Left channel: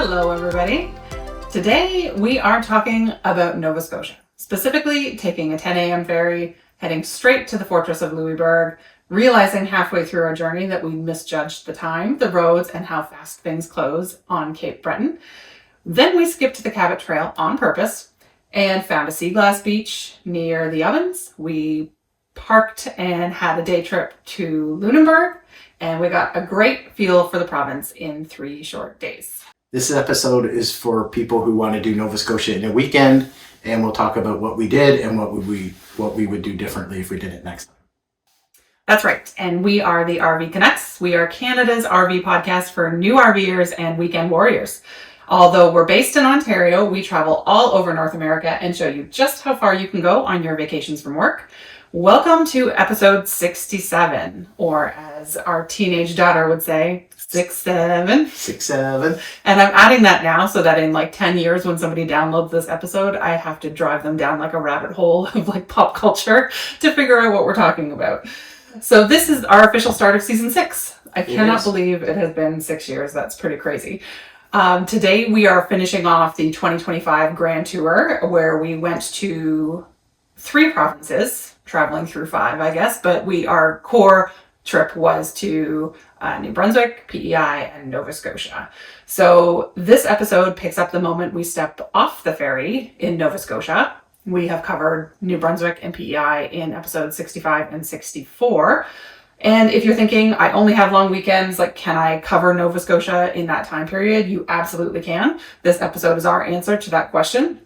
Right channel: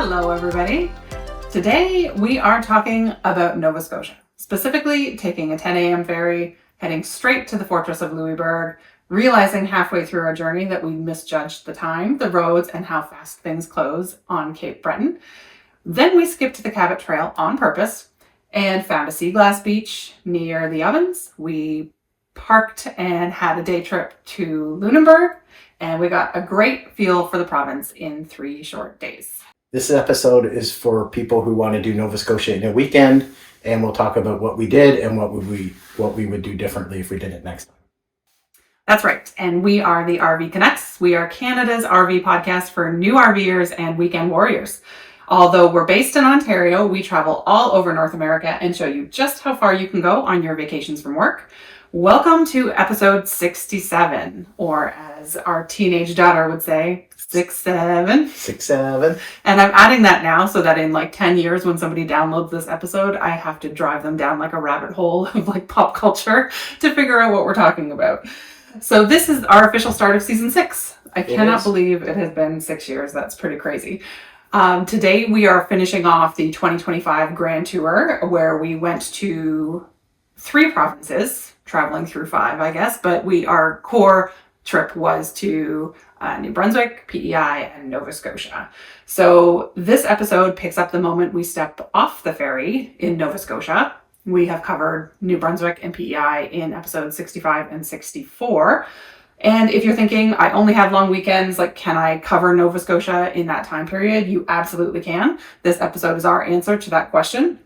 Hello, everybody. Today we are talking about Nova Scotia, specifically taking a 10 a.m. ferry, heading straight to the Fortress of Louisbourg, realizing halfway through our journey that we misjudged the time, the roads, and how fast things close on Cape Breton. Then we skipped to the Cabot Trail on purpose and found a sea glass beach near the Ovens. We parked and had a day trip to Lunenburg, and we got a great feel for the province in 3 short days. This episode is for people who want to do Nova Scotia in a weekend, and we'll talk about what we did and what we would do differently if we did it next time. That's right. And we are the RV Canucks. We are Canada's RV podcast for new RVers and weekend warriors. Although we're based in Ontario, we travel all over North America and show you just how far you can go on your vacations from work. Welcome to episode 67, or as our teenage daughter would say, 67. 67. And I'm adding that now so that in like 10 years when somebody downloads this episode, I have to drive them down like a rabbit hole of like pop culture to figure out what we're talking about. So this is our official start of season 6. I cannot believe it has been 6 years. That's pretty crazy. Today we are finishing off the 2025 Grand Tour, where we went to 3 provinces, traveling through 5, I guess, but our core trip was to New Brunswick, PEI, and Nova Scotia. So this episode picks up the moment we step off the ferry in Nova Scotia. We have covered New Brunswick and PEI in episodes 65 and 64. And if you're thinking, I only have long weekends, like, can I cover Nova Scotia in that time period? You absolutely can. This episode is our answer to that question.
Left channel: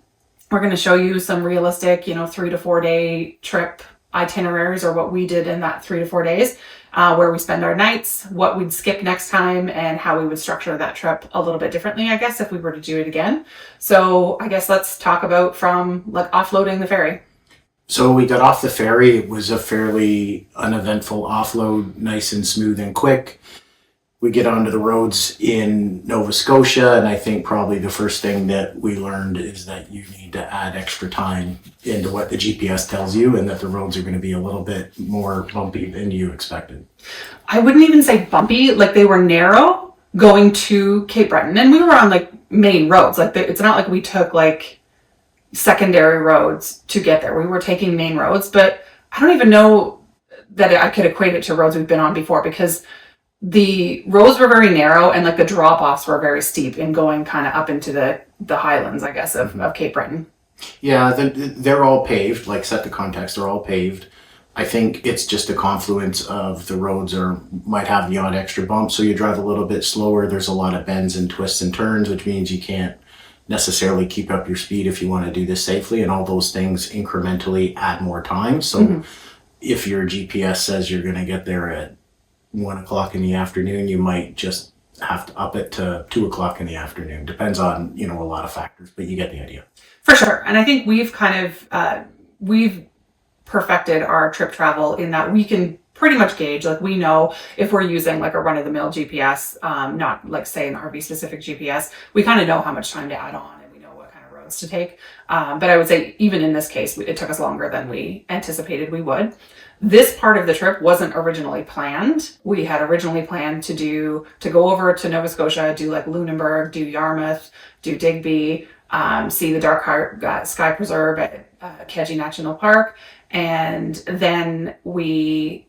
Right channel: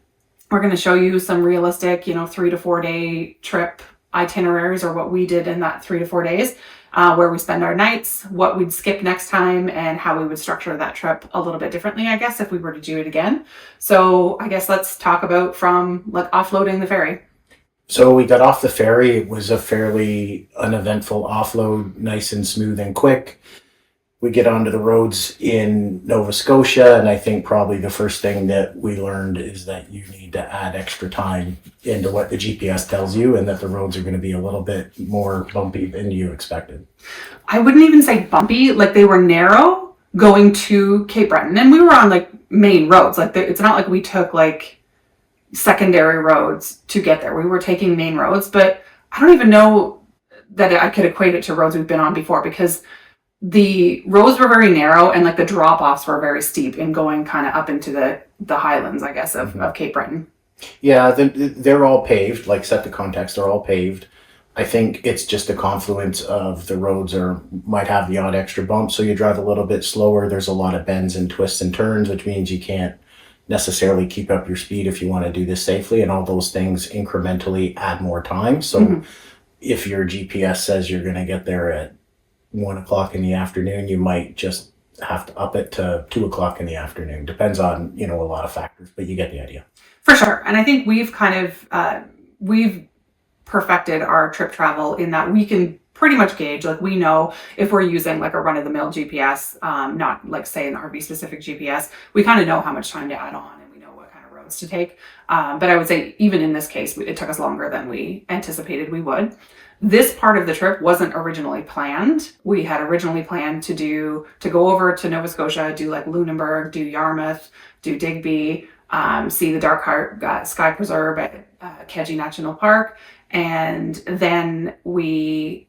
We're going to show you some realistic, 3 to 4 day trip itineraries, or what we did in that 3 to 4 days, where we spend our nights, what we'd skip next time, and how we would structure that trip a little bit differently, I guess, if we were to do it again. So I guess let's talk about from like offloading the ferry. So we got off the ferry. It was a fairly uneventful offload, nice and smooth and quick. We get onto the roads in Nova Scotia, and I think probably the first thing that we learned is that you need to add extra time into what the GPS tells you, and that the roads are going to be a little bit more bumpy than you expected. I wouldn't even say bumpy, like they were narrow going to Cape Breton, and we were on like main roads. Like it's not like we took like secondary roads to get there. We were taking main roads, but I don't even know that I could equate it to roads we've been on before, because the roads were very narrow and like the drop-offs were very steep in going kind of up into the highlands, I guess, of Cape Breton. Yeah, they're all paved, like set the context, they're all paved. I think it's just a confluence of the roads might have the odd extra bump, so you drive a little bit slower. There's a lot of bends and twists and turns, which means you can't necessarily keep up your speed if you want to do this safely, and all those things incrementally add more time. So if your GPS says you're going to get there at 1 o'clock in the afternoon, you might just have to up it to 2 o'clock in the afternoon. Depends on, a lot of factors, but you get the idea. For sure. And I think we've kind of, we've perfected our trip travel in that we can pretty much gauge, like we know if we're using like a run-of-the-mill GPS, not like say an RV specific GPS, we kind of know how much time to add on, and we know what kind of roads to take. But I would say even in this case, it took us longer than we anticipated we would. This part of the trip wasn't originally planned. We had originally planned to go over to Nova Scotia, do like Lunenburg, do Yarmouth, do Digby, see the Dark Heart Sky Preserve at Keji National Park. And then I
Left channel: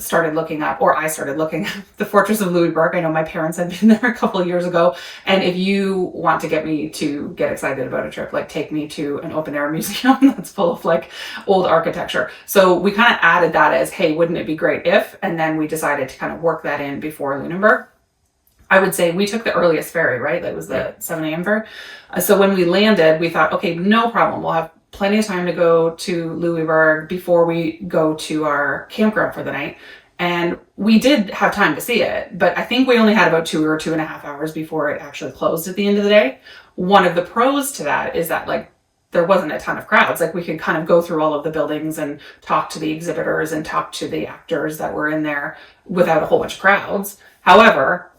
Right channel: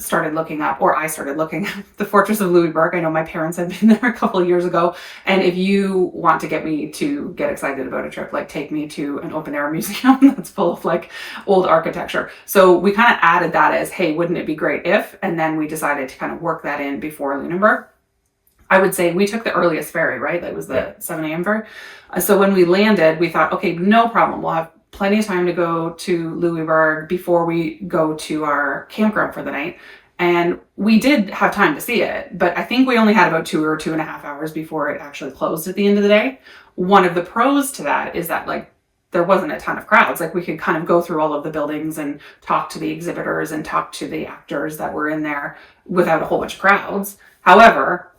started looking at the Fortress of Louisbourg. I know my parents had been there a couple of years ago. And if you want to get me to get excited about a trip, like take me to an open air museum that's full of like old architecture. So we kind of added that as, hey, wouldn't it be great if, and then we decided to kind of work that in before Lunenburg. I would say we took the earliest ferry, right? That was the 7 a.m. ferry. So when we landed, we thought, okay, no problem. We'll have plenty of time to go to Louisbourg before we go to our campground for the night. And we did have time to see it, but I think we only had about 2 or 2.5 hours before it actually closed at the end of the day. One of the pros to that is that like there wasn't a ton of crowds. Like we could kind of go through all of the buildings and talk to the exhibitors and talk to the actors that were in there without a whole bunch of crowds. However,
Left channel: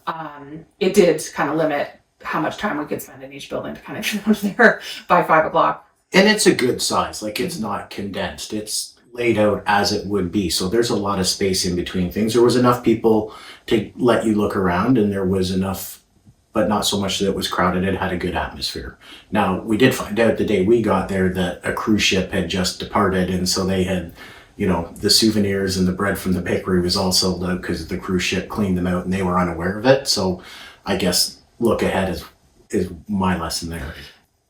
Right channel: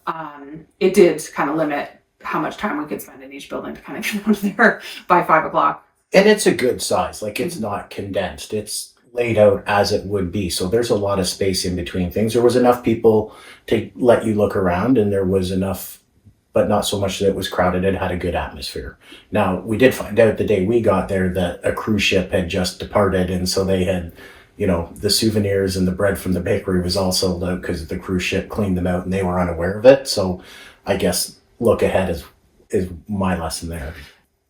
it did kind of limit how much time we could spend in each building to kind of get out of there by 5 o'clock. And it's a good size, like it's not condensed. It's laid out as it would be. So there's a lot of space in between things. There was enough people to let you look around, and there was enough but not so much that it was crowded. It had a good atmosphere. Now, we did find out the day we got there that a cruise ship had just departed, and so they had, the souvenirs and the bread from the bakery was all sold out because the cruise ship cleaned them out and they were unaware of it. So I guess look ahead is my lesson there.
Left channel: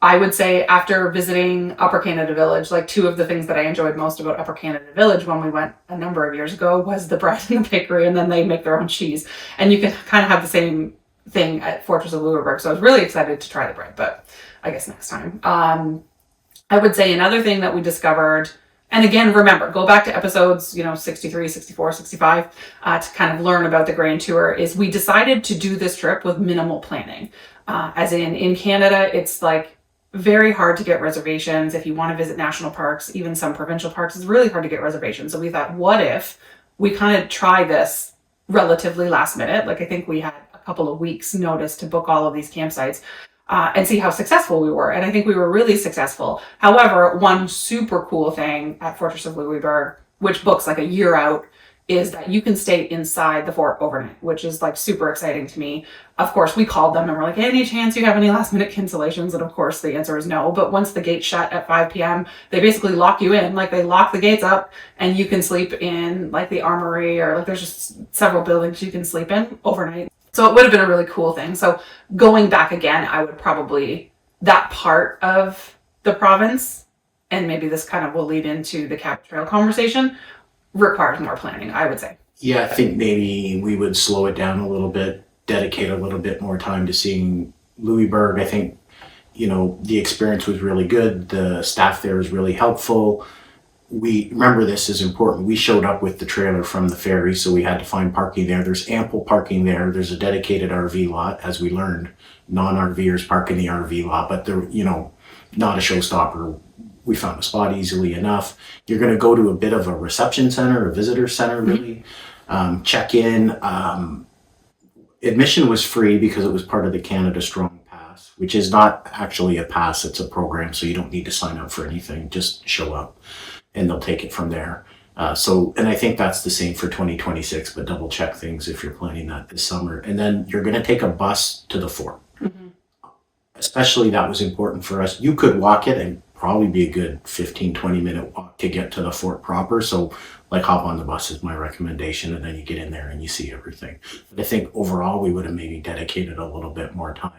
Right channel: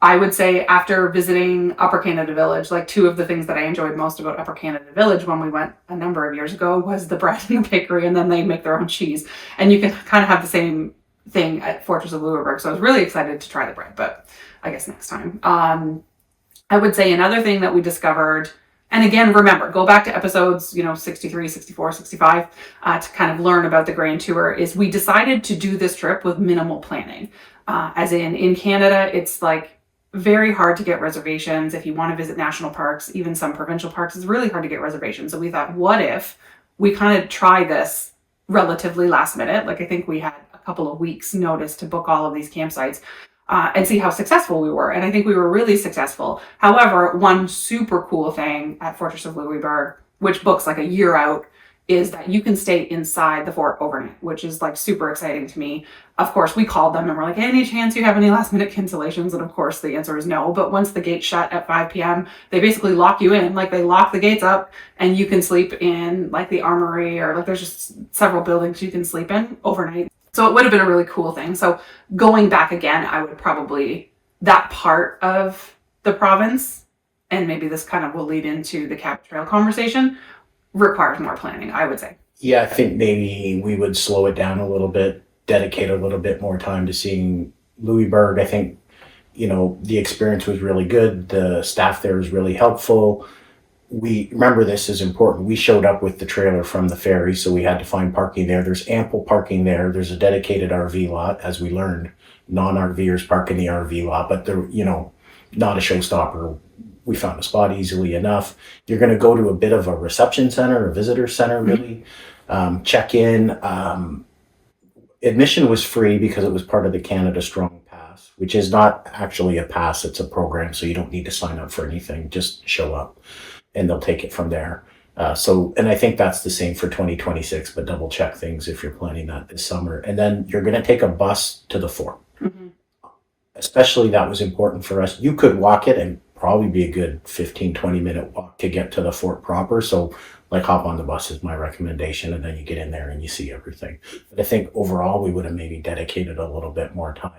I would say after visiting Upper Canada Village, like two of the things that I enjoyed most about Upper Canada Village when we went a number of years ago was the bread in the bakery, and then they make their own cheese. And you can kind of have the same thing at Fortress of Louisbourg. So I was really excited to try the bread, but I guess next time. I would say another thing that we discovered, and again, remember, go back to episodes, 63, 64, 65, to kind of learn about the Grand Tour, is we decided to do this trip with minimal planning. As in Canada, it's like very hard to get reservations. If you want to visit national parks, even some provincial parks, it's really hard to get reservations. So we thought, what if we kind of try this relatively last minute? Like I think we had a couple of weeks notice to book all of these campsites and see how successful we were. And I think we were really successful. However, one super cool thing at Fortress of Louisbourg, which books like a year out, is that you can stay inside the fort overnight, which is like super exciting to me. Of course, we called them and we're like, hey, any chance you have any last minute cancellations? And of course the answer is no. But once the gates shut at 5 p.m., they basically lock you in, like they lock the gates up and you can sleep in like the armory, or like there's just several buildings you can sleep in overnight. So it would have been a really cool thing. So going back again, I would probably, that part of the province, and maybe this kind of will lead into the Cabot Trail conversation, requires more planning, I would say. Yeah, I think maybe we would slow it down a little bit, dedicate a little bit more time to seeing Louisbourg. I think, the experience was really good. The staff there was really helpful. We remember, this is important. We showed up with the trailer from the ferry, so we had to find parking there. There's ample parking there. There's a dedicated RV lot, as we learned. Non-RVers park in the RV lot, but they're, not a showstopper. We found a spot easily enough. You're going to go to a bit of a reception center, a visitor center, really. Check in. Admission was free because it was part of the Canada Strong Pass, which is not actually a pass, it's a program, so you don't need to sign up for anything. Just show up and they'll take it from there. And I think that's the same for 2026, but double check things if you're planning that this summer. And then you're going to take a bus to the fort. Mm-hmm. Especially that was important for us. You could walk it and probably be a good 15-20 minute walk to get to the fort proper. So like hop on the bus is my recommendation, and then you get in there and you see everything. But I think overall we would have maybe dedicated a little bit more time.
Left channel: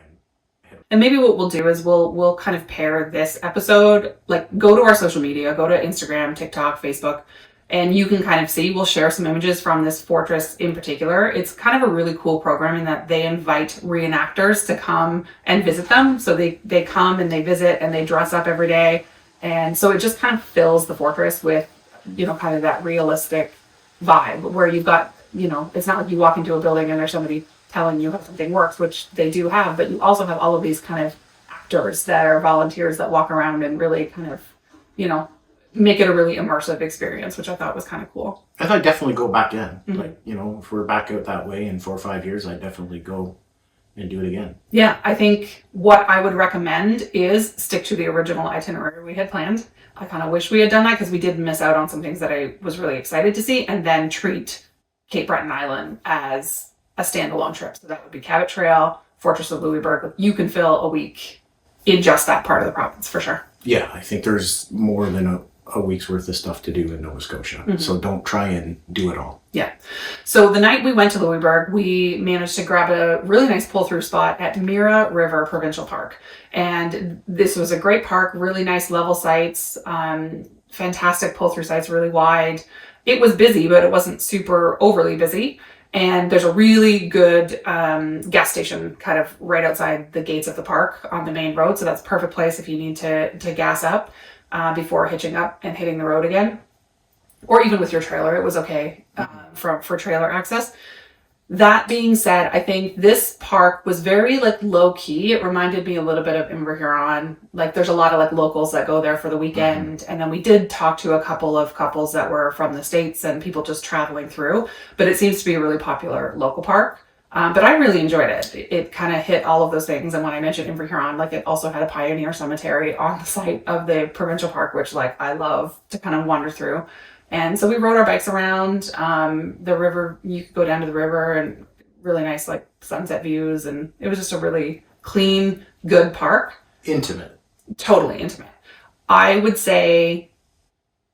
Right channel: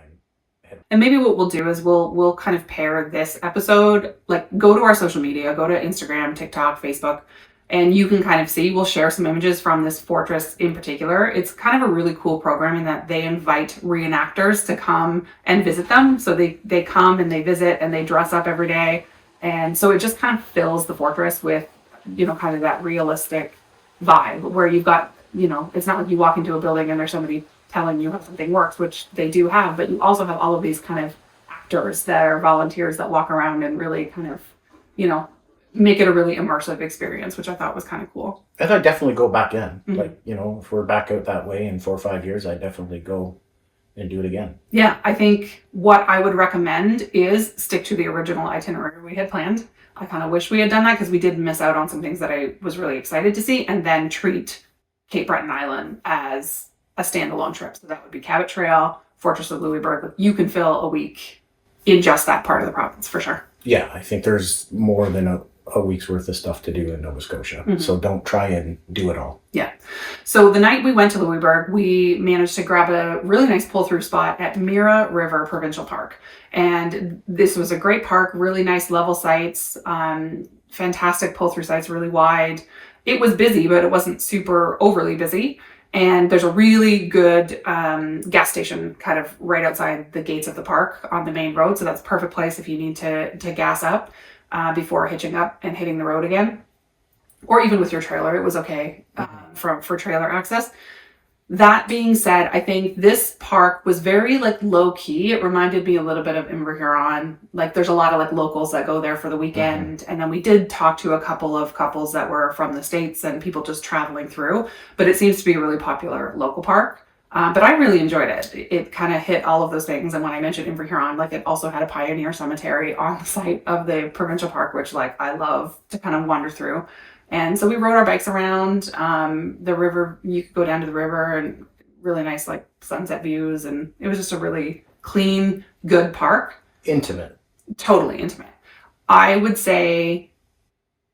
And maybe what we'll do is we'll kind of pair this episode, like go to our social media, go to Instagram, TikTok, Facebook, and you can kind of see, we'll share some images from this fortress in particular. It's kind of a really cool program in that they invite reenactors to come and visit them. So they come and they visit and they dress up every day. And so it just kind of fills the fortress with, kind of that realistic vibe where you've got, it's not like you walk into a building and there's somebody telling you how something works, which they do have, but you also have all of these kind of actors that are volunteers that walk around and really kind of, make it a really immersive experience, which I thought was kind of cool. I thought definitely go back in. Mm-hmm. Like, if we're back out that way in 4 or 5 years, I'd definitely go and do it again. Yeah, I think what I would recommend is stick to the original itinerary we had planned. I kind of wish we had done that because we did miss out on some things that I was really excited to see, and then treat Cape Breton Island as a standalone trip. So that would be Cabot Trail, Fortress of Louisbourg. You can fill a week in just that part of the province for sure. Yeah, I think there's more than a week's worth of stuff to do in Nova Scotia. Mm-hmm. So don't try and do it all. Yeah. So the night we went to Louisbourg, we managed to grab a really nice pull-through spot at Mira River Provincial Park. And this was a great park, really nice level sites, fantastic pull-through sites, really wide. It was busy, but it wasn't super overly busy. And there's a really good gas station kind of right outside the gates of the park on the main road. So that's a perfect place if you need to gas up before hitching up and hitting the road again. Or even with your trailer, it was okay for trailer access. That being said, I think this park was very low key. It reminded me a little bit of Huron. Like there's a lot of locals that go there for the weekend. Mm-hmm. And then we did talk to a couple of couples that were from the States and people just traveling through, but it seems to be a really popular local park. But I really enjoyed it. It kind of hit all of those things. And when I mentioned Huron, it also had a pioneer cemetery on the site of the provincial park, which I love to kind of wander through. And so we rode our bikes around the river. You could go down to the river and really nice like sunset views, and it was just a really clean, good park. Intimate. Totally intimate. I would say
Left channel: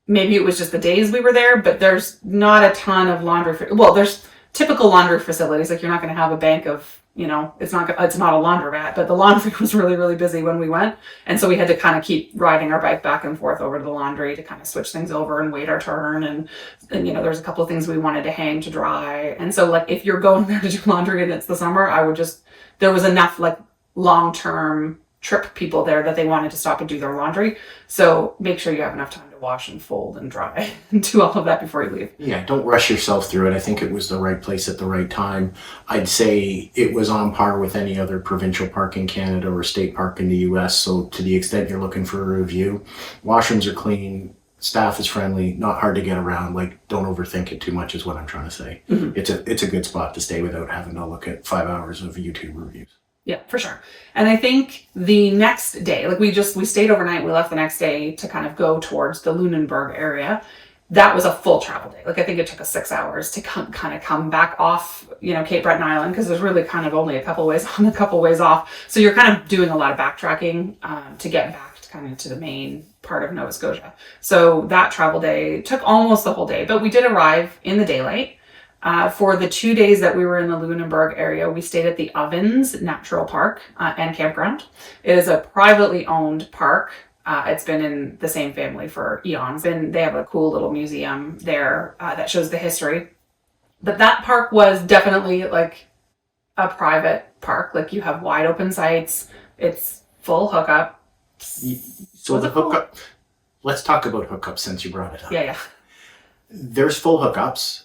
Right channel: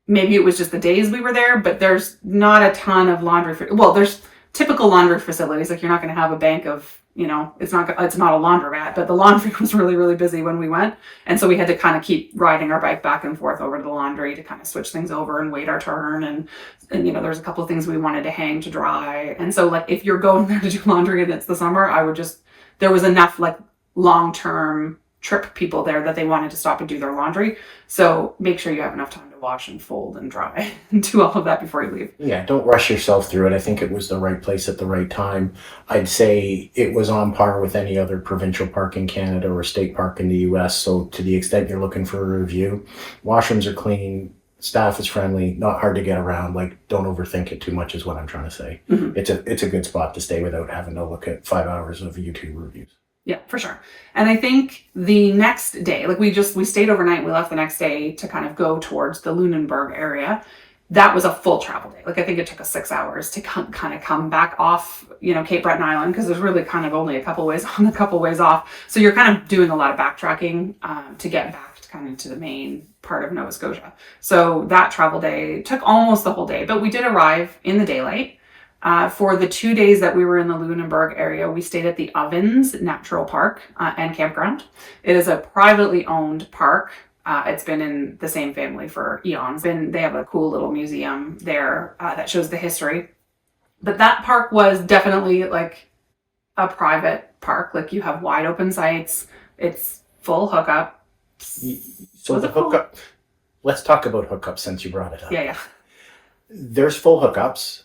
maybe it was just the days we were there, but there's not a ton of laundry. Well, there's typical laundry facilities. Like you're not going to have a bank of, it's not a laundromat, but the laundry was really, really busy when we went. And so we had to kind of keep riding our bike back and forth over to the laundry to kind of switch things over and wait our turn. And there's a couple of things we wanted to hang to dry. And so like, if you're going there to do laundry and it's the summer, there was enough like long-term trip people there that they wanted to stop and do their laundry. So make sure you have enough time to wash and fold and dry and do all of that before you leave. Yeah, don't rush yourself through it. I think it was the right place at the right time. I'd say it was on par with any other provincial park in Canada or state park in the US. So to the extent you're looking for a review, washrooms are clean, staff is friendly, not hard to get around. Like, don't overthink it too much is what I'm trying to say. Mm-hmm. It's a good spot to stay without having to look at 5 hours of YouTube reviews. Yeah, for sure. And I think the next day, like we stayed overnight. We left the next day to kind of go towards the Lunenburg area. That was a full travel day. Like I think it took us 6 hours to kind of come back off, Cape Breton Island, because there's really kind of only a couple ways on, a couple ways off. So you're kind of doing a lot of backtracking to get back to kind of to the main part of Nova Scotia. So that travel day took almost the whole day, but we did arrive in the daylight. For the 2 days that we were in the Lunenburg area, we stayed at the Ovens Natural Park and Campground. It is a privately owned park. It's been in the same family for eons. They have a cool little museum there that shows the history. But that park was definitely like a private park. Like you have wide open sites. It's full hookup. So the hookup, let's talk about hookups since you brought it up. Yeah. There's full hookups.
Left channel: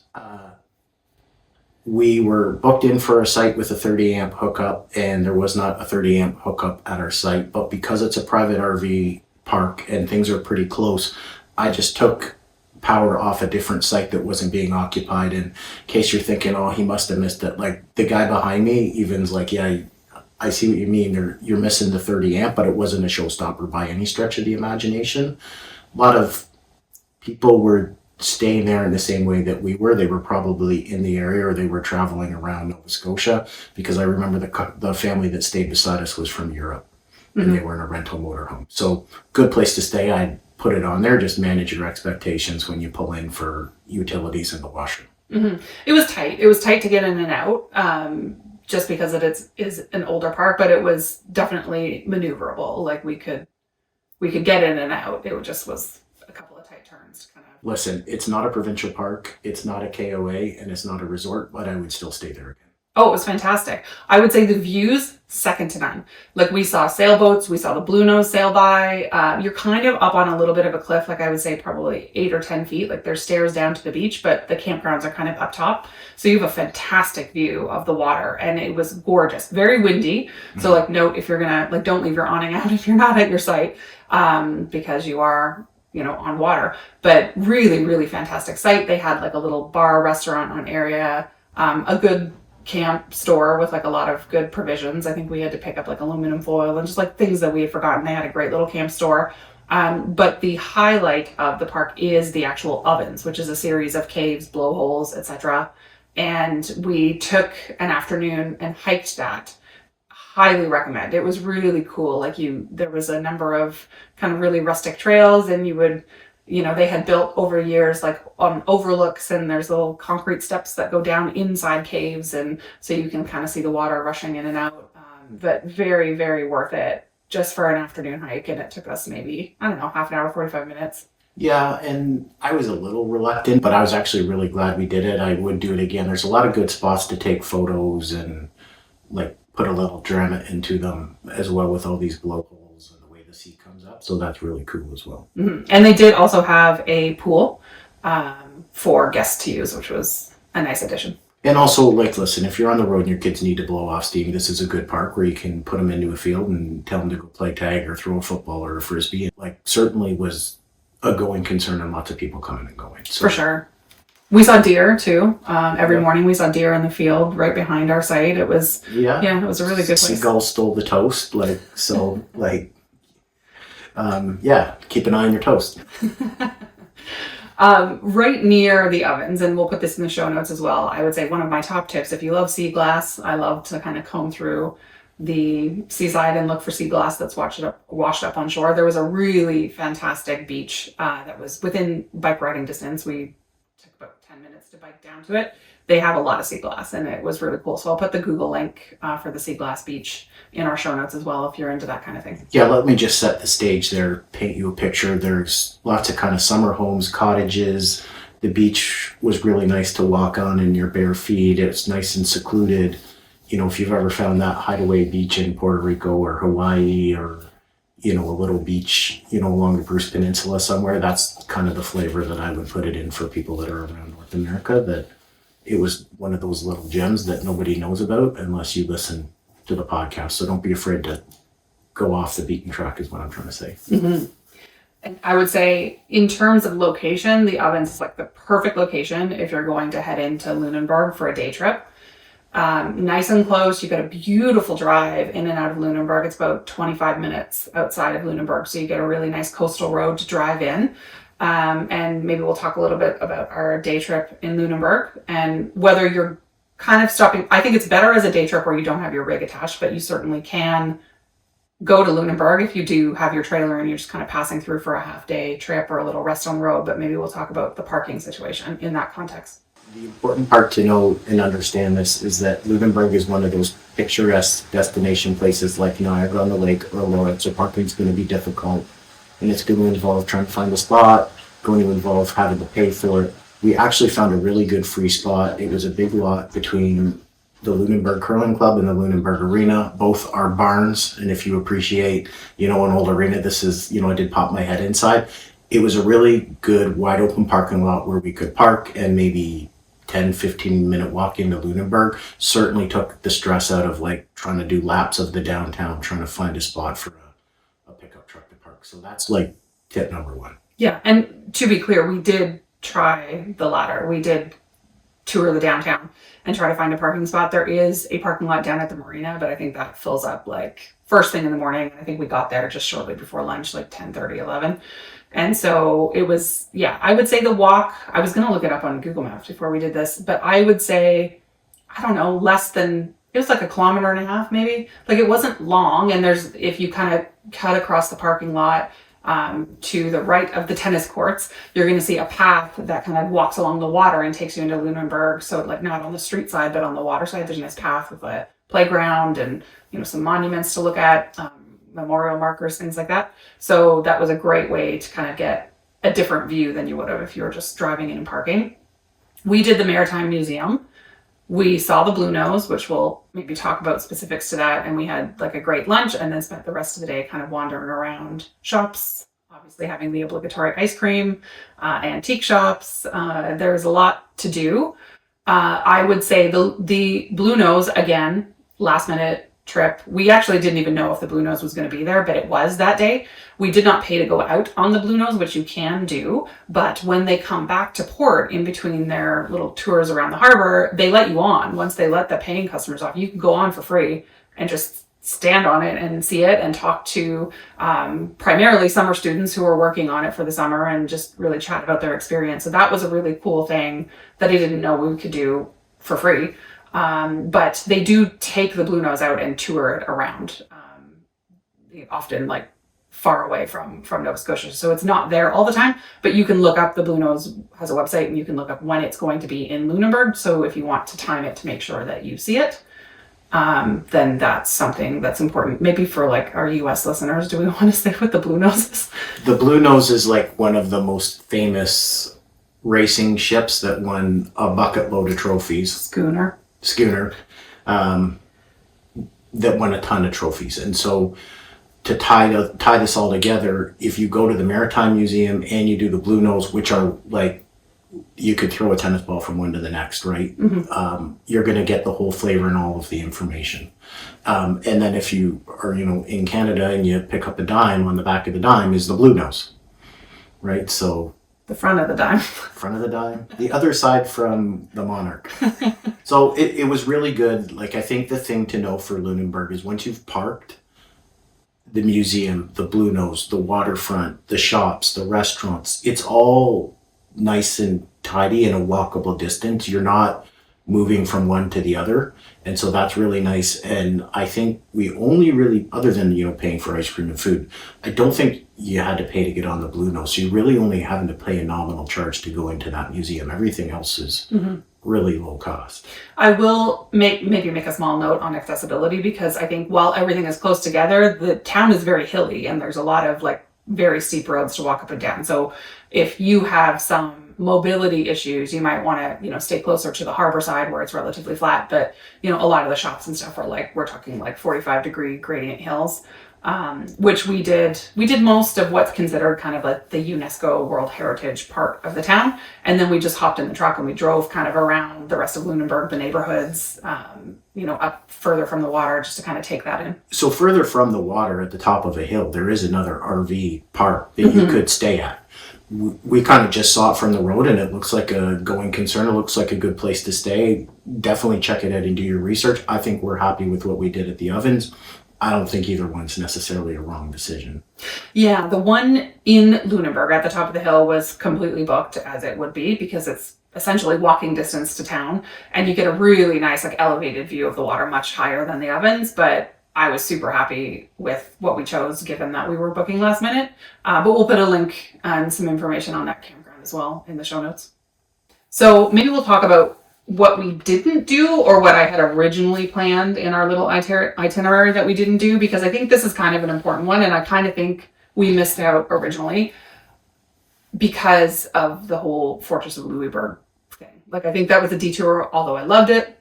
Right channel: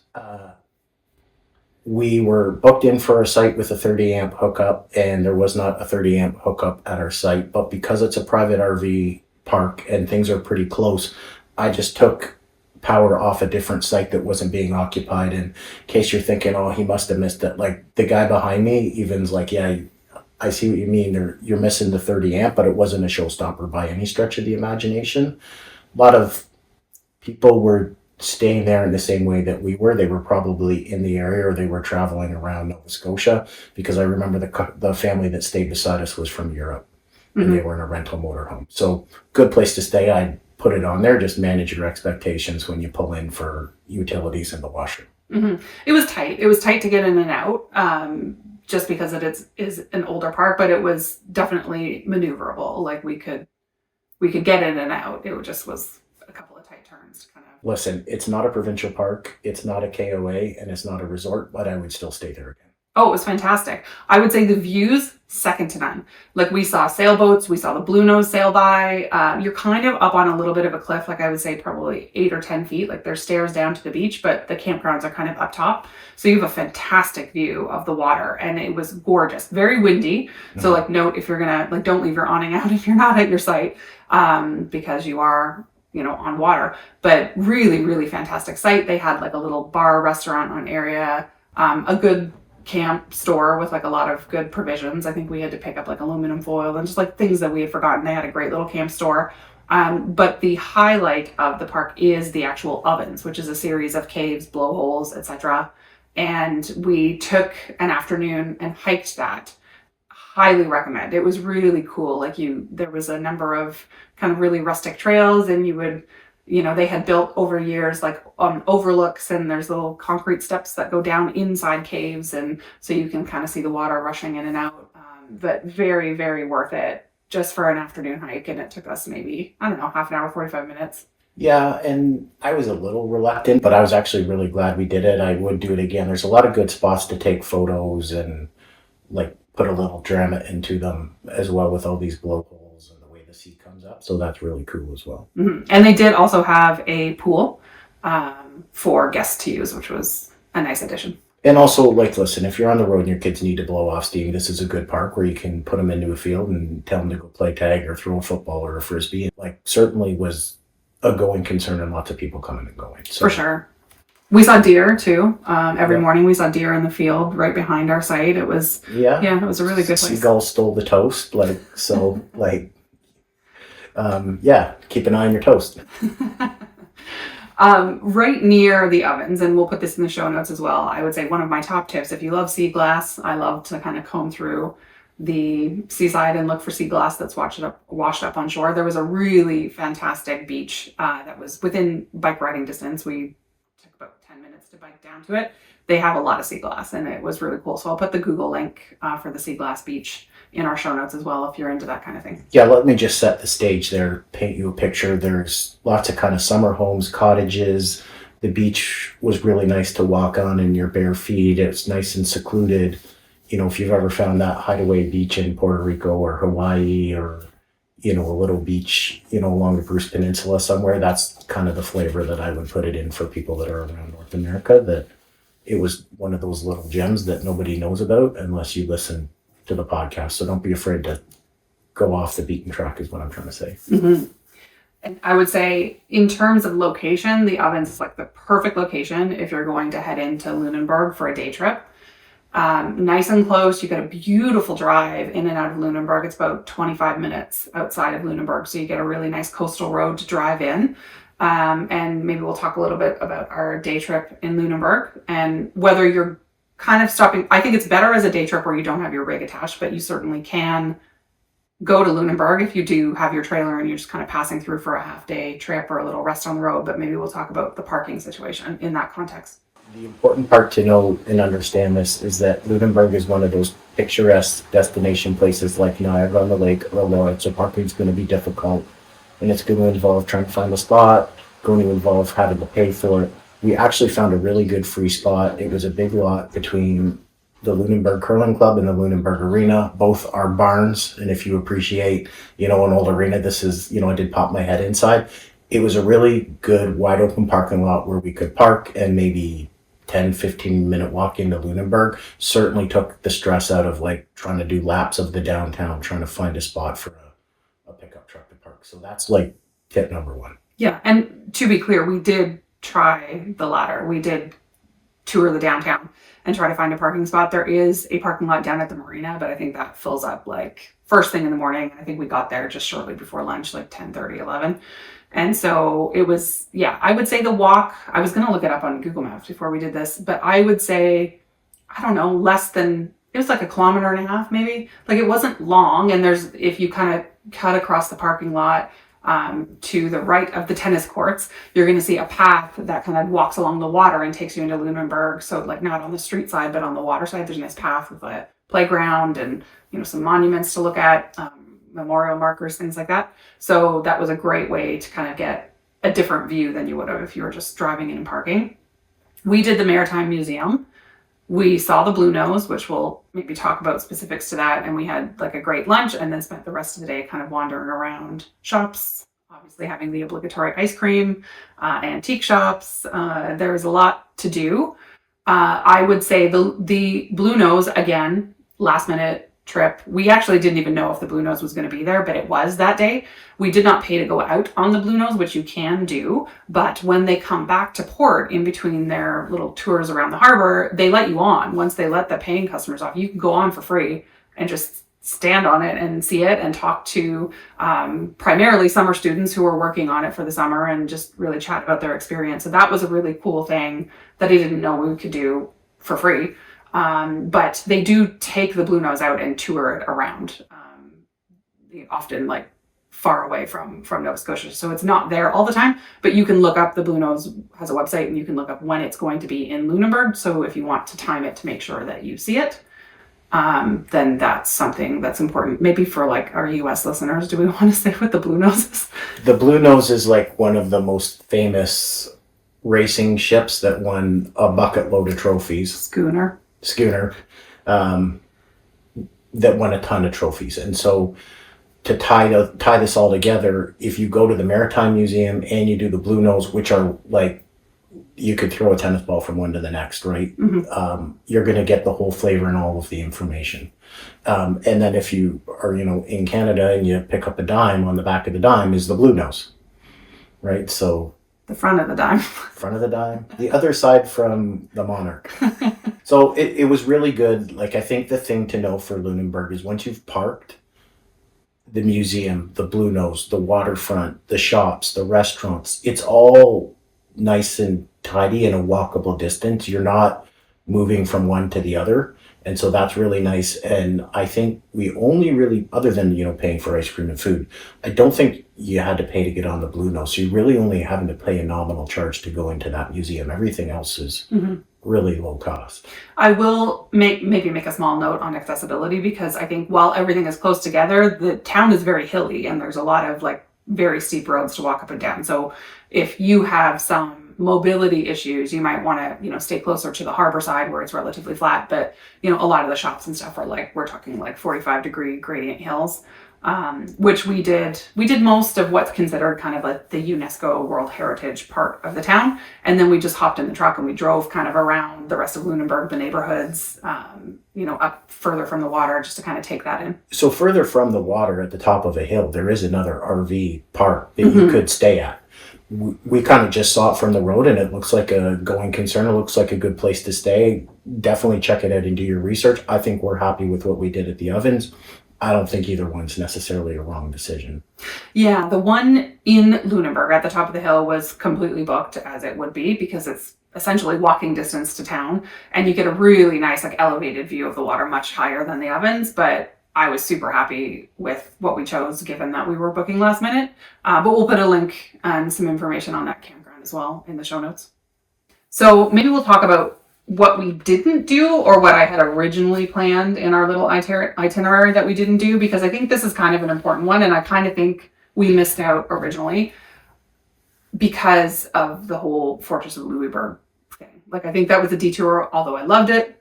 We were booked in for a site with a 30 amp hookup, and there was not a 30 amp hookup at our site. But because it's a private RV park and things are pretty close, I just took power off a different site that wasn't being occupied. In case you're thinking, oh, he must have missed it. Like the guy behind me, even's like, yeah, I see what you mean. You're missing the 30 amp, but it wasn't a showstopper by any stretch of the imagination. A lot of people were staying there in the same way that we were. They were probably in the area or they were traveling around Nova Scotia, because I remember the family that stayed beside us was from Europe. Mm-hmm. And they were in a rental motorhome. So good place to stay. I'd put it on there. Just manage your expectations when you pull in for utilities in the washroom. Mm-hmm. It was tight. It was tight to get in and out, just because it is an older park, but it was definitely maneuverable. Like we could get in and out. It just was a couple of tight turns to kind of. Listen, it's not a provincial park, it's not a KOA, and it's not a resort, but I would still stay there again. Oh, it was fantastic. I would say the views, second to none. Like we saw sailboats, we saw the Bluenose sail by. You're kind of up on a little bit of a cliff, like I would say probably 8 or 10 feet. Like there's stairs down to the beach, but the campgrounds are kind of up top. So you have a fantastic view of the water, and it was gorgeous. Very windy. So like note, if you're gonna, like don't leave your awning out if you're not at your site, because you are on water, but really, really fantastic site. They had like a little bar restaurant on area, a good camp store with like a lot of good provisions. I think we had to pick up like aluminum foil and just like things that we had forgotten. They had a great little camp store. But the highlight of the park is the actual ovens, which is a series of caves, blowholes, etc. And we took an afternoon and hiked that. Highly recommend. It was really cool. Like there was a number of kind of really rustic trails, and you would, they had built over years like overlooks, and there's little concrete steps that go down inside caves, and so you can kind of see the water rushing in and out. But very, very worth it just for an afternoon hike, and it took us maybe, I don't know, half an hour, 45 minutes. Yeah, and I was a little reluctant, but I was actually really glad we did it. I would do it again. There's a lot of good spots to take photos and like put a little drama into them as well, with all these blowholes and the way the sea comes up. So that's really cool as well. Mm-hmm. And they did also have a pool for guests to use, which was a nice addition. And also, like, listen, if you're on the road and your kids need to blow off steam, this is a good park where you can put them into a field and tell them to go play tag or throw a football or a frisbee. Like, certainly was a going concern, and lots of people coming and going. So. For sure. We saw deer too. Every morning we saw deer in the field right behind our site. It was, it was a really good place. Seagulls stole the toast. Keep an eye on your toast. Right near the ovens, and we'll put this in the show notes as well. I would say one of my top tips, if you love sea glass, I love to kind of comb through the seaside and look for sea glass that's washed up on shore. There was a really fantastic beach that was within bike riding distance. We took about 10 minutes to bike down to it. They have a lot of sea glass, and it was really cool. So I'll put the Google link for the sea glass beach in our show notes as well, if you're into that kind of thing. Yeah, let me just set the stage there, paint you a picture. There's lots of kind of summer homes, cottages. The beach was really nice to walk on in your bare feet. It's nice and secluded. You know, if you've ever found that hideaway beach in Puerto Rico or Hawaii, or, you know, a little beach, you know, along the Bruce Peninsula somewhere, that's kind of the flavor that I would put it in for people that are around North America, that it was one of those little gems that nobody knows about unless you listen to the podcast. So don't be afraid to go off the beaten track is what I'm trying to say. Mm-hmm. And I would say in terms of location, the Ovens is like the perfect location if you're going to head into Lunenburg for a day trip. Nice and close. You got a beautiful drive in and out of Lunenburg. It's about 25 minutes outside of Lunenburg. So you get a really nice coastal road to drive in. And maybe we'll talk a little bit about our day trip in Lunenburg and whether you're kind of stopping. I think it's better as a day trip where you don't have your rig attached, but you certainly can go to Lunenburg if you do have your trailer and you're just kind of passing through for a half day trip or a little rest on the road. But maybe we'll talk about the parking situation in that context. The important part to know and understand this is that Lunenburg is one of those picturesque destination places like Niagara on the Lake or Lawrence, so parking's going to be difficult. And it's going to involve trying to find a spot, going to involve having to pay for it. We actually found a really good free spot. It was a big lot between the Lunenburg Curling Club and the Lunenburg Arena. Both are barns, and if you appreciate, you know, an old arena, this is, you know, I did pop my head inside. It was a really good wide open parking lot where we could park and maybe 10-15 minute walk into Lunenburg. Certainly took the stress out of like trying to do laps of the downtown, trying to find a spot for a pickup truck to park. So that's like tip number one. Yeah, and to be clear, we did try the latter. We did tour the downtown and try to find a parking spot. There is a parking lot down at the marina, but I think that fills up like first thing in the morning. I think we got there just shortly before lunch, like 10:30, 11. And so it was, yeah, I would say the walk, I was going to look it up on Google Maps before we did this, but I would say, I don't know, less than, it was like 1.5 kilometers maybe. Like it wasn't long. And there's, if you kind of cut across the parking lot to the right of the tennis courts, you're going to see a path that kind of walks along the water and takes you into Lunenburg. So like not on the street side, but on the water side, there's a nice path with a playground and, you know, some monuments to look at, memorial markers, things like that. So that was a great way to kind of get a different view than you would have if you were just driving in and parking. We did the Maritime Museum. We saw the Bluenose, which we'll maybe talk about specifics to that. And we had like a great lunch and then spent the rest of the day kind of wandering around shops, obviously having the obligatory ice cream, antique shops. There was a lot to do. I would say the Bluenose, again, last minute trip. We actually didn't even know if the Bluenose was going to be there, but it was that day. We did not pay to go out on the Bluenose, which you can do, but when they come back to port in between their little tours around the harbor, they let you on. Once they let the paying customers off, you can go on for free and just stand on it and see it and talk to primarily summer students who are working on it for the summer and just really chat about their experience. So that was a really cool thing that I didn't know we could do for free. But they do take the Bluenose out and tour it around, often like far away from Nova Scotia. So it's not there all the time, but you can look up, the Bluenose has a website and you can look up when it's going to be in Lunenburg. So if you want to time it to make sure that you see it, then that's something that's important. Maybe for like our US listeners, do we want to say what the Bluenose is? The Bluenose is like one of the most famous racing ships that won a bucket load of trophies. Schooner, that won a ton of trophies. And so to tie this all together, if you go to the Maritime Museum and you do the Bluenose, which are like, you could throw a tennis ball from one to the next, right? Mm-hmm. You're going to get the whole flavor and all of the information. And then if you are, you know, in Canada and you pick up a dime, on the back of the dime is the Bluenose, right? So the front of the dime. Front of the dime. The other side from the Monarch. So it was really good. Like, I think the thing to know for Lunenburg is once you've parked, the museum, the Bluenose, the waterfront, the shops, the restaurants, it's all nice and tidy and a walkable distance. You're not moving from one to the other. And so that's really nice. And I think we only really, other than, paying for ice cream and food, I don't think you had to pay to get on the Bluenose. So you really only having to pay a nominal charge to go into that museum. Everything else is really low cost. I will maybe make a small note on accessibility, because I think while everything is close together, the town is very hilly and there's a lot of like very steep roads to walk up and down. So if you have some mobility issues, you might want to, stay closer to the harbor side where it's relatively flat. But, a lot of the shops and stuff are we're talking 45-degree gradient hills, which we did most of what's considered kind of like the UNESCO World Heritage part of the town. And then we just hopped in the truck and we drove kind of around the rest of Lunenburg, the neighborhoods, up further from the water, just to kind of take that in. So further from the water at the top of a hill, there is another RV park that you could stay at. We kind of just saw it from the road and it looks like a going concern. It looks like a good place to stay. Definitely check it out and do your research. I think we're happy with what we did at the Ovens. I don't think either one's necessarily a wrong decision. Yeah, the one in Lunenburg at the top of the hill was completely booked, as it would be, because it's essentially walking distance to town and you get a really nice elevated view of the water, much higher than the Ovens. But I was super happy with what we chose, given that we were booking last minute. But we'll put a link and some information on that campground as well in the show notes. So maybe we'll talk about what we didn't do, or what I had originally planned in our little itinerary that we didn't do, because I think this is kind of an important one. And I kind of think we missed out originally because of the whole Fortress of Louisbourg thing. I think that was a detour, although I loved it.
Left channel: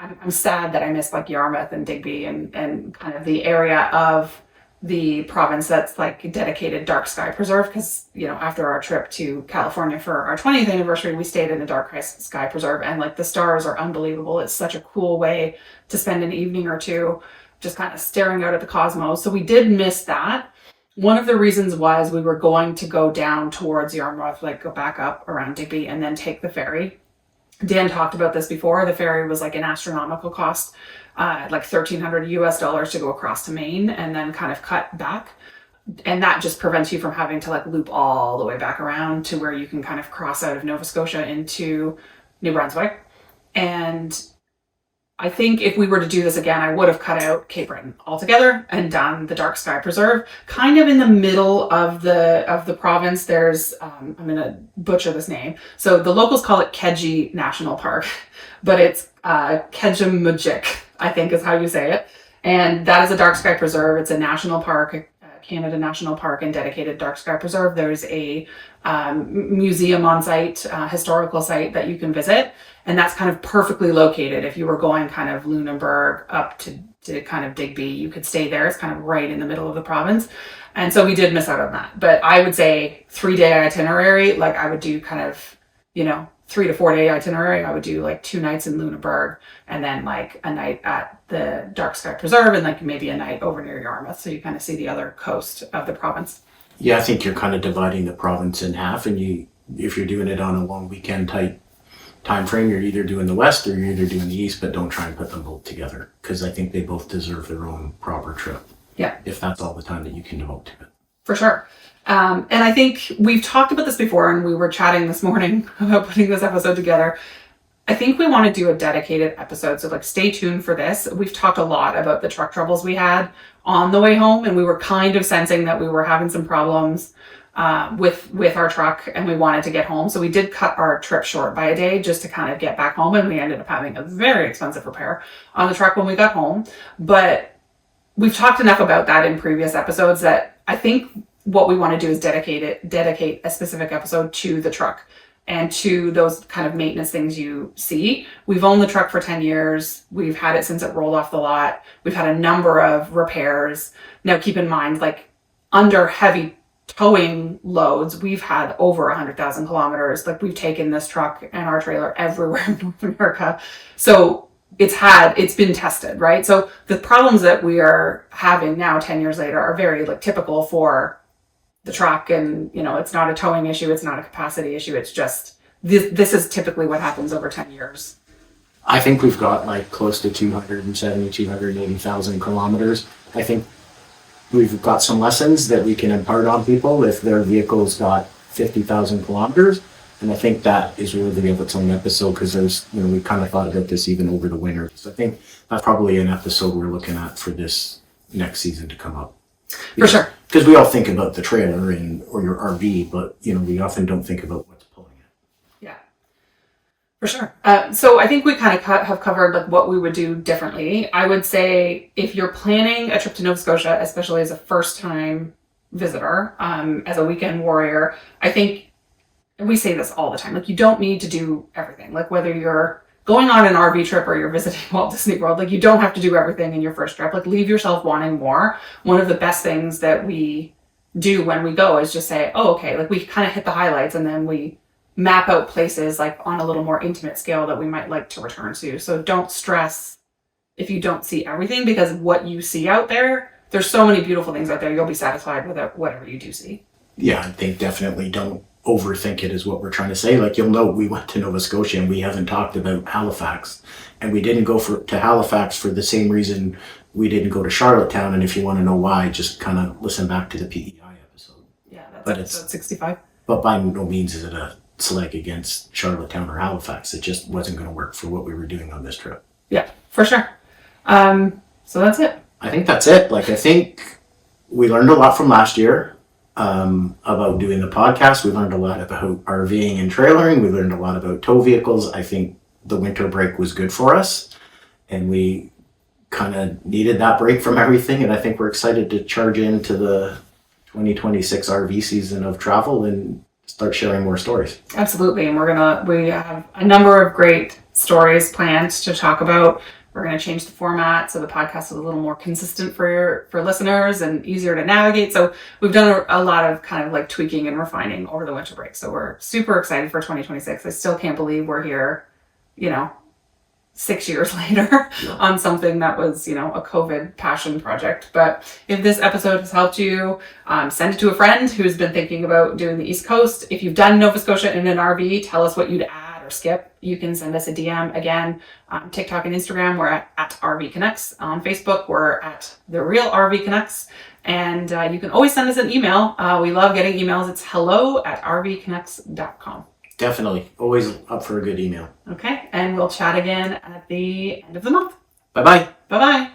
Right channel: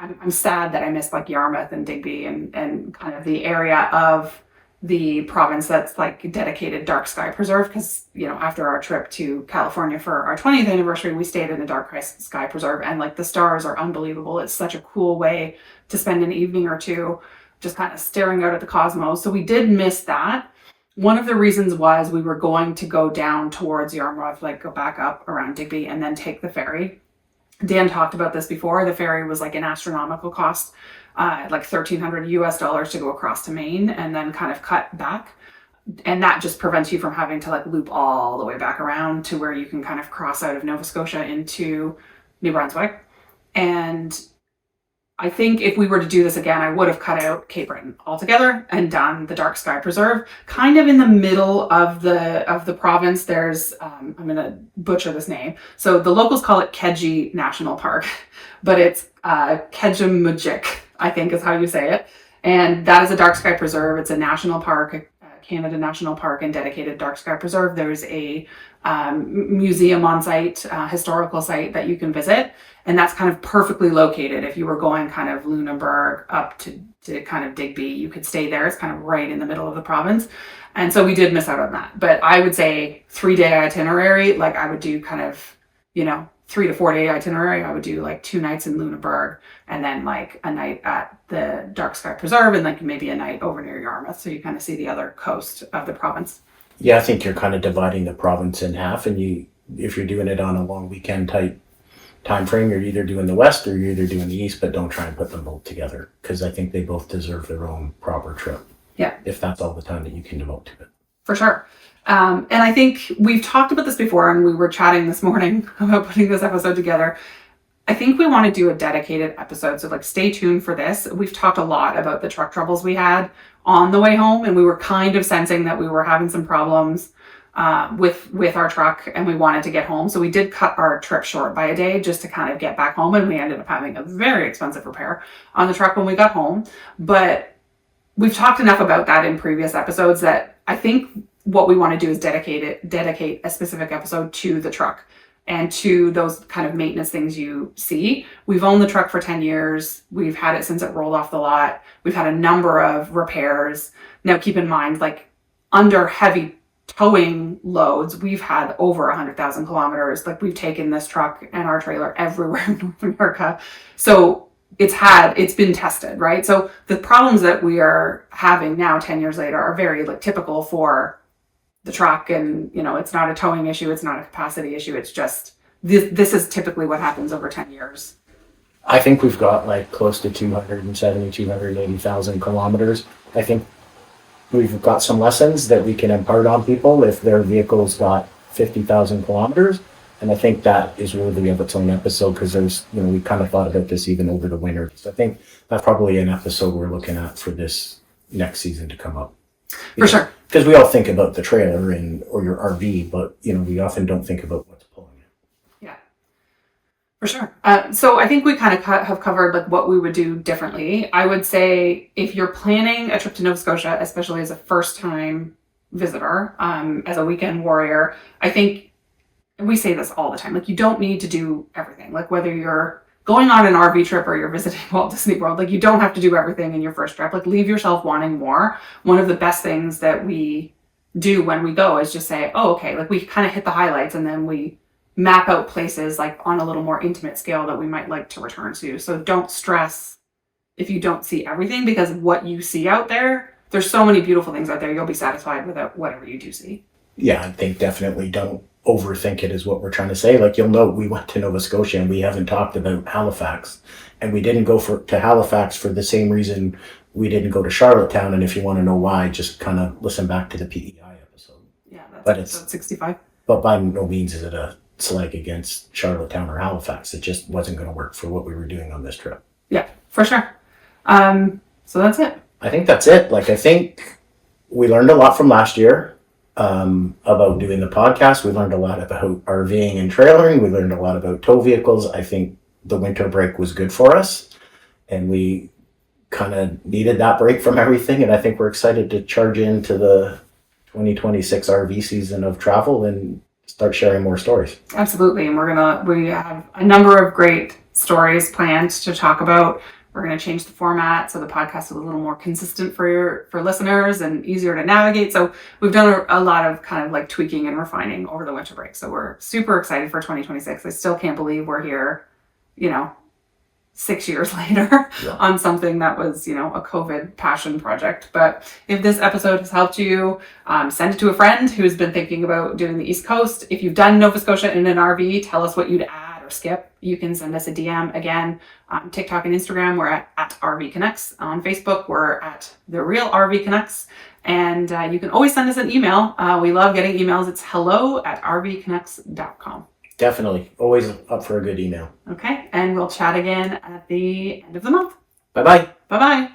I'm sad that I missed Yarmouth and Digby and kind of the area of the province that's dedicated dark sky preserve, because after our trip to California for our 20th anniversary, we stayed in a dark sky preserve, and the stars are unbelievable. It's such a cool way to spend an evening or two just kind of staring out at the cosmos. So we did miss that. One of the reasons was we were going to go down towards Yarmouth, go back up around Digby and then take the ferry. Dan talked about this before. The ferry was an astronomical cost, $1,300 to go across to Maine and then kind of cut back. And that just prevents you from having to loop all the way back around to where you can kind of cross out of Nova Scotia into New Brunswick. And I think if we were to do this again, I would have cut out Cape Breton altogether and done the Dark Sky Preserve. Kind of in the middle of the province, there's, I'm going to butcher this name. So the locals call it Kedji National Park, but it's Kejimujik, I think is how you say it. And that is a Dark Sky Preserve. It's a national park, Canada National Park, and dedicated Dark Sky Preserve. There's a museum on site, historical site that you can visit. And that's kind of perfectly located. If you were going kind of Lunenburg up to kind of Digby, you could stay there. It's kind of right in the middle of the province. And so we did miss out on that. But I would say 3-day itinerary, I would do kind of, 3 to 4 day itinerary. I would do 2 nights in Lunenburg and then a night at the Dark Sky Preserve and maybe a night over near Yarmouth. So you kind of see the other coast of the province. Yeah, I think you're kind of dividing the province in half, and if you're doing it on a long weekend type time frame, you're either doing the west or you're either doing the east, but don't try and put them both together, because I think they both deserve their own proper trip. Yeah. If that's all the time that you can devote to it. For sure. And I think we've talked about this before, and we were chatting this morning about putting this episode together. I think we want to do a dedicated episode. So stay tuned for this. We've talked a lot about the truck troubles we had on the way home, and we were kind of sensing that we were having some problems with our truck, and we wanted to get home. So we did cut our trip short by a day just to kind of get back home, and we ended up having a very expensive repair on the truck when we got home. But we've talked enough about that in previous episodes that I think what we want to do is dedicate a specific episode to the truck and to those kind of maintenance things you see. We've owned the truck for 10 years. We've had it since it rolled off the lot. We've had a number of repairs. Now keep in mind, under heavy towing loads, we've had over 100,000 kilometers. We've taken this truck and our trailer everywhere in North America. So it's been tested, right? So the problems that we are having now 10 years later are very typical for the truck, and it's not a towing issue, it's not a capacity issue, it's just this is typically what happens over 10 years. I think we've got close to 280,000 kilometers. I think we've got some lessons that we can impart on people if their vehicle's got 50,000 kilometers. And I think that is worthy of its own episode because there's, we kind of thought about this even over the winter. So I think that's probably an episode we're looking at for this next season to come up. For sure. Because we all think about the trailer or your RV, but, we often don't think about what's pulling it. Yeah, for sure. So I think we kind of have covered like what we would do differently. I would say if you're planning a trip to Nova Scotia, especially as a first-time visitor, as a weekend warrior, I think we say this all the time, like you don't need to do everything. Like whether you're going on an RV trip or you're visiting Walt Disney World, like you don't have to do everything in your first trip. Like leave yourself wanting more. One of the best things that we do when we go is just say, oh, okay, like we kind of hit the highlights and then we map out places like on a little more intimate scale that we might like to return to. So don't stress if you don't see everything, because what you see out there, there's so many beautiful things out there. You'll be satisfied with whatever you do see. Yeah, I think definitely don't overthink it is what we're trying to say. Like, you'll note we went to Nova Scotia and we haven't talked about Halifax, and we didn't go to Halifax for the same reason we didn't go to Charlottetown. And if you want to know why, just kind of listen back to the PEI episode. Yeah, that's episode 65. But by no means is it a slight against Charlottetown or Halifax. It just wasn't going to work for what we were doing on this trip. Yeah, for sure. So that's it. I think that's it. Like, I think we learned a lot from last year. About doing the podcast. We learned a lot about RVing and trailering. We learned a lot about tow vehicles. I think the winter break was good for us, and we kind of needed that break from everything. And I think we're excited to charge into the 2026 RV season of travel and start sharing more stories. Absolutely. And we have a number of great stories planned to talk about. We're going to change the format so the podcast is a little more consistent for listeners and easier to navigate. So we've done a lot of kind of like tweaking and refining over the winter break. So we're super excited for 2026. I still can't believe we're here, 6 years later on something that was, a COVID passion project. But if this episode has helped you, send it to a friend who's been thinking about doing the East Coast. If you've done Nova Scotia in an RV, tell us what you'd add or skip. You can send us a DM. Again, TikTok and Instagram, we're at RV Canucks. On Facebook, we're at The Real RV Canucks. And you can always send us an email. We love getting emails. It's hello@rvcanucks.com. Definitely. Always up for a good email. Okay. And we'll chat again at the end of the month. Bye-bye. Bye-bye.